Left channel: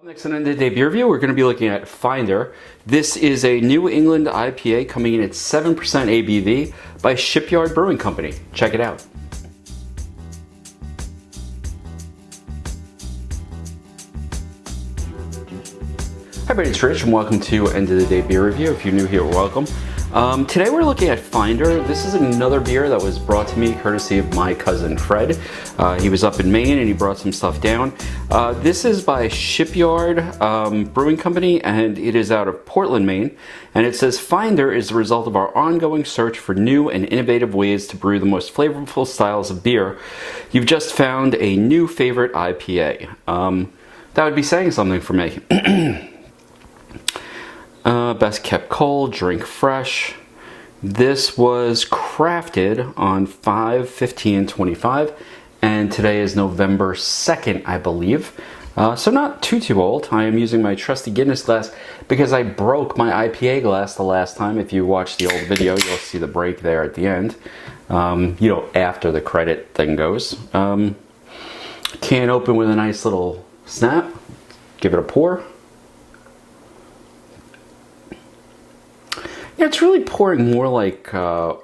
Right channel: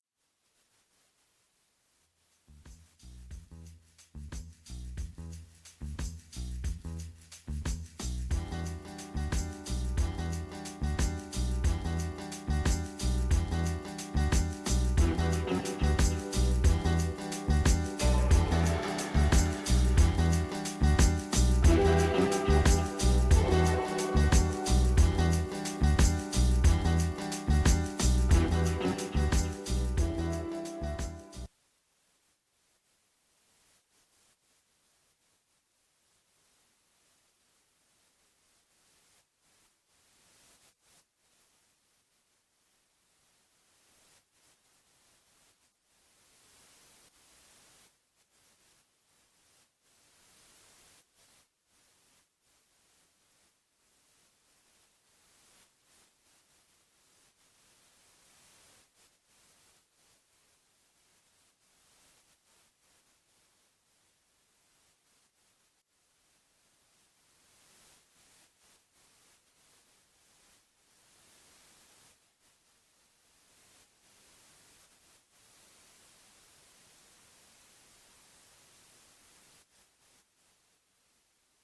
Up next on the day beer review, we're going to be looking at Finder. This is a New England IPA coming in at 7% ABV by Shipyard Brewing Company. Check it out. Hi everybody, it's Rich and welcome to End of the Day Beer Review. If you're new here, welcome. Today we're looking at Finder. This is another beer that was brought to me courtesy of my cousin Fred. He was up in Maine and he brought some stuff down. This is by Shipyard Brewing Company and it is out of Portland, Maine. And it says, Finder is the result of our ongoing search for new and innovative ways to brew the most flavorful styles of beer. You've just found a new favorite IPA. That would be saying something for me. Best kept cold, drink fresh. This was crafted on 5/15/25 and today is November 2nd, I believe. So not too old. I am using my trusty Guinness glass because I broke my IPA glass the last time. If you watch the old video, you'll see the break there at the end. After the credit thing goes. Can open with a nice little snap. Give it a pour. Yeah, it's really pouring more like, oh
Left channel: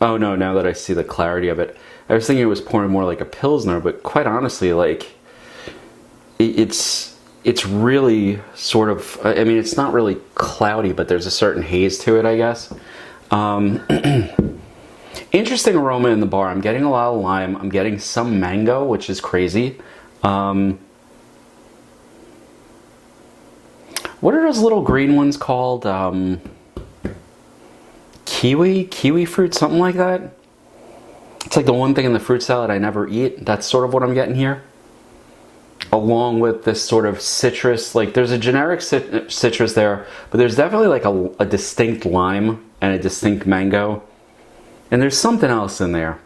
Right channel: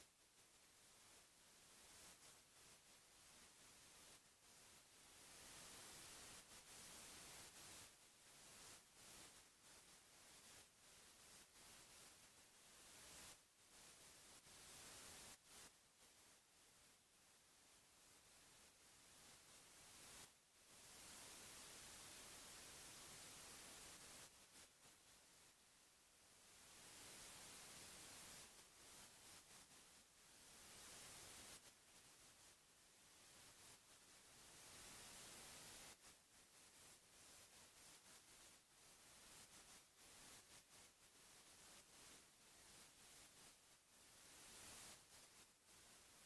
no, now that I see the clarity of it, I was thinking it was pouring more like a Pilsner, but quite honestly, like, it's really sort of, I mean, it's not really cloudy, but there's a certain haze to it, I guess. Interesting aroma in the bar. I'm getting a lot of lime. I'm getting some mango, which is crazy. What are those little green ones called? Kiwi fruit, something like that. It's like the one thing in the fruit salad I never eat. That's sort of what I'm getting here. Along with this sort of citrus, like there's a generic citrus there, but there's definitely like a distinct lime and a distinct mango. And there's something else in there.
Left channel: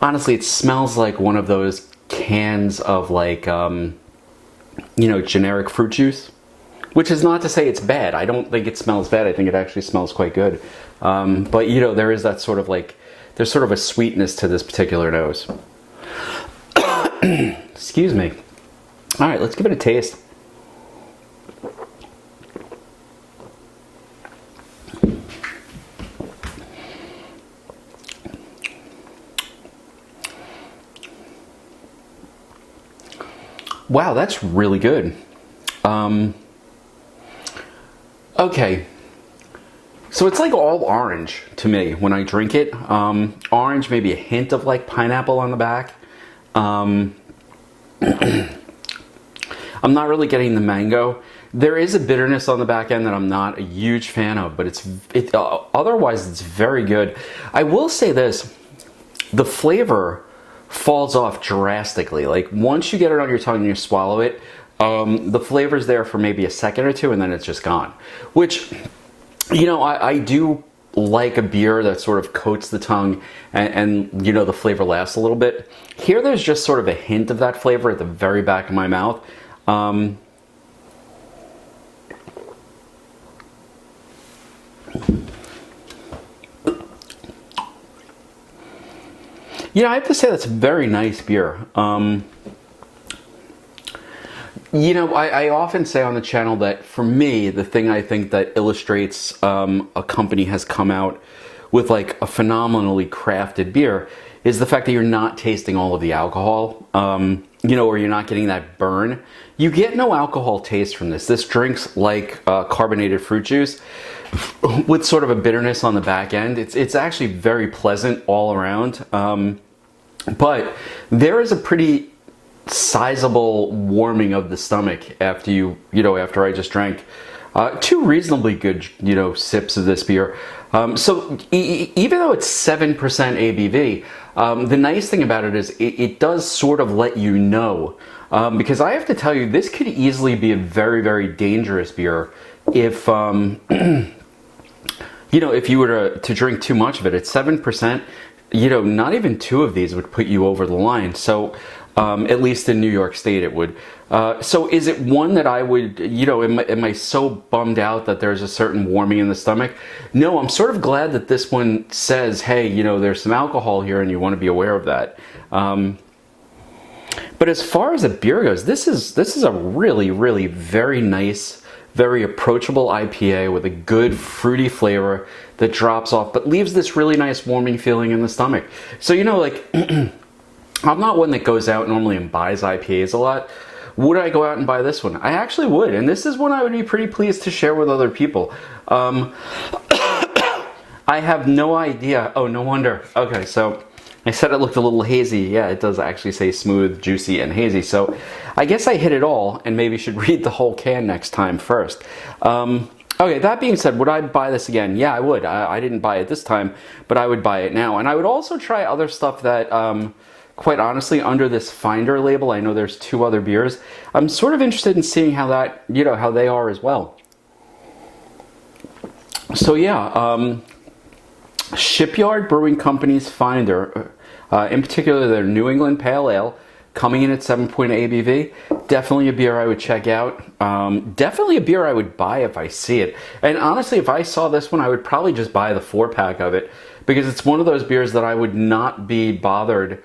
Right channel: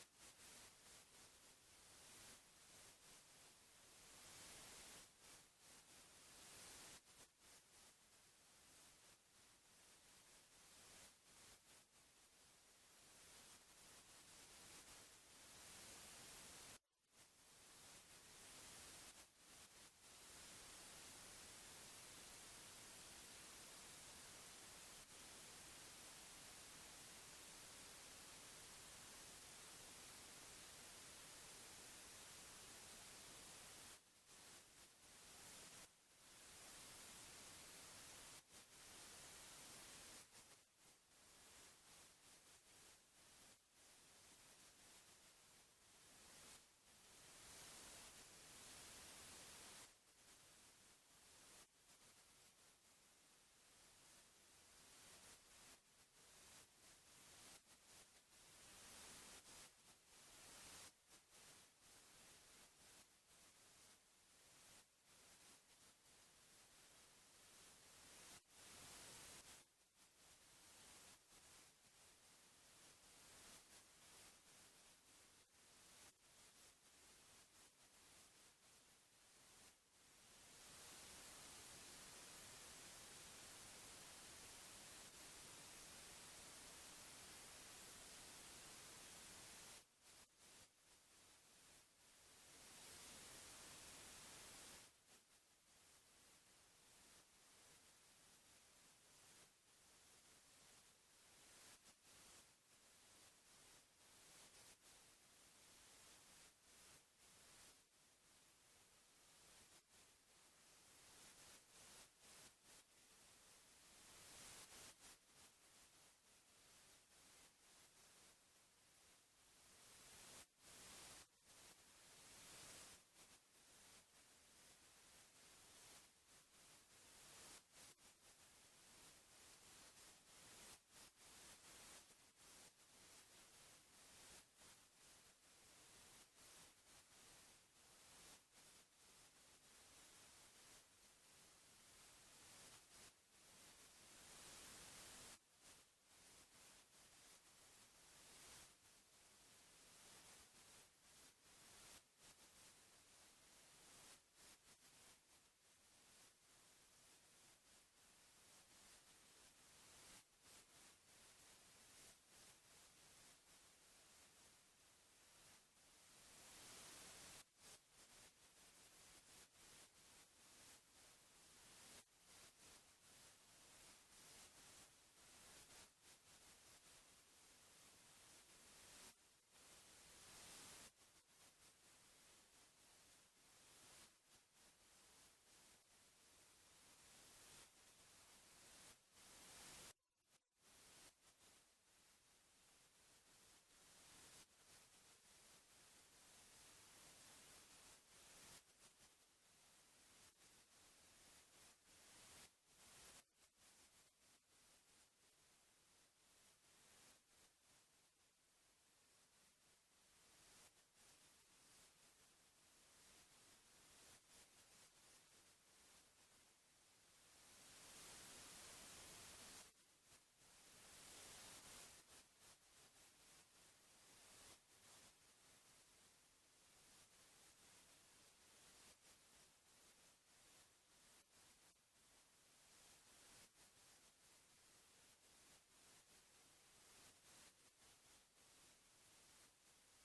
Honestly, it smells like one of those cans of like, generic fruit juice. Which is not to say it's bad. I don't think it smells bad. I think it actually smells quite good. But there is that sort of like, there's sort of a sweetness to this particular nose. Excuse me. All right, let's give it a taste. Wow, that's really good. Okay, so it's like all orange to me when I drink it. Orange, maybe a hint of like pineapple on the back. I'm not really getting the mango. There is a bitterness on the back end that I'm not a huge fan of, but otherwise it's very good. I will say this, the flavor falls off drastically. Like once you get it on your tongue and you swallow it, the flavor's there for maybe a second or two and then it's just gone. Which, I do like a beer that sort of coats the tongue and the flavor lasts a little bit. Here there's just sort of a hint of that flavor at the very back of my mouth. I have to say that's a very nice beer. I often say on the channel that for me, the thing I think that illustrates a company has come out with like a phenomenally crafted beer is the fact that you're not tasting all of the alcohol, or you're not getting that burn. You get no alcohol taste from this. This drinks like carbonated fruit juice with sort of a bitterness on the back end. It's actually very pleasant all around. But there is a pretty sizable warming of the stomach after after I just drank two reasonably good sips of this beer. So even though it's 7% ABV, the nice thing about it is it does sort of let you know, because I have to tell you, this could easily be a very, very dangerous beer if if you were to drink too much of it. At 7%, not even two of these would put you over the line. So at least in New York State it would. So is it one that I would, am I so bummed out that there's a certain warming in the stomach? No, I'm sort of glad that this one says, hey, there's some alcohol here and you want to be aware of that. But as far as a beer goes, this is a really, really very nice, very approachable IPA with a good fruity flavor that drops off, but leaves this really nice warming feeling in the stomach. So, you know, like, I'm not one that goes out normally and buys IPAs a lot. Would I go out and buy this one? I actually would, and this is one I would be pretty pleased to share with other people. I have no idea. Oh, no wonder. Okay, so I said it looked a little hazy. Yeah, it does actually say smooth, juicy, and hazy. So I guess I hit it all and maybe should read the whole can next time first. Okay, that being said, would I buy this again? Yeah, I would. I didn't buy it this time, but I would buy it now. And I would also try other stuff that, quite honestly, under this Finder label, I know there's 2 other beers. I'm sort of interested in seeing how that, you know, how they are as well. So yeah, Shipyard Brewing Company's Finder, in particular their New England Pale Ale, coming in at 7.0 ABV. Definitely a beer I would check out. Definitely a beer I would buy if I see it. And honestly, if I saw this one, I would probably just buy the 4-pack of it, because it's one of those beers that I would not be bothered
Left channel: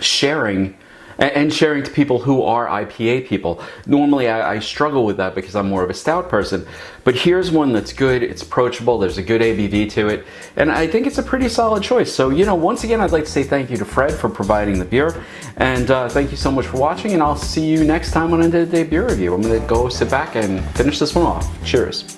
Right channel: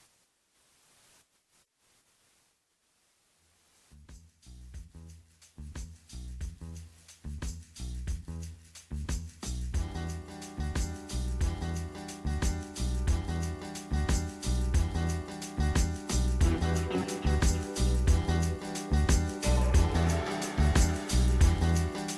sharing to people who are IPA people. Normally I struggle with that because I'm more of a stout person, but here's one that's good, it's approachable, there's a good ABV to it, and I think it's a pretty solid choice. So, you know, once again, I'd like to say thank you to Fred for providing the beer, and thank you so much for watching, and I'll see you next time on End of the Day Beer Review. I'm gonna go sit back and finish this one off. Cheers.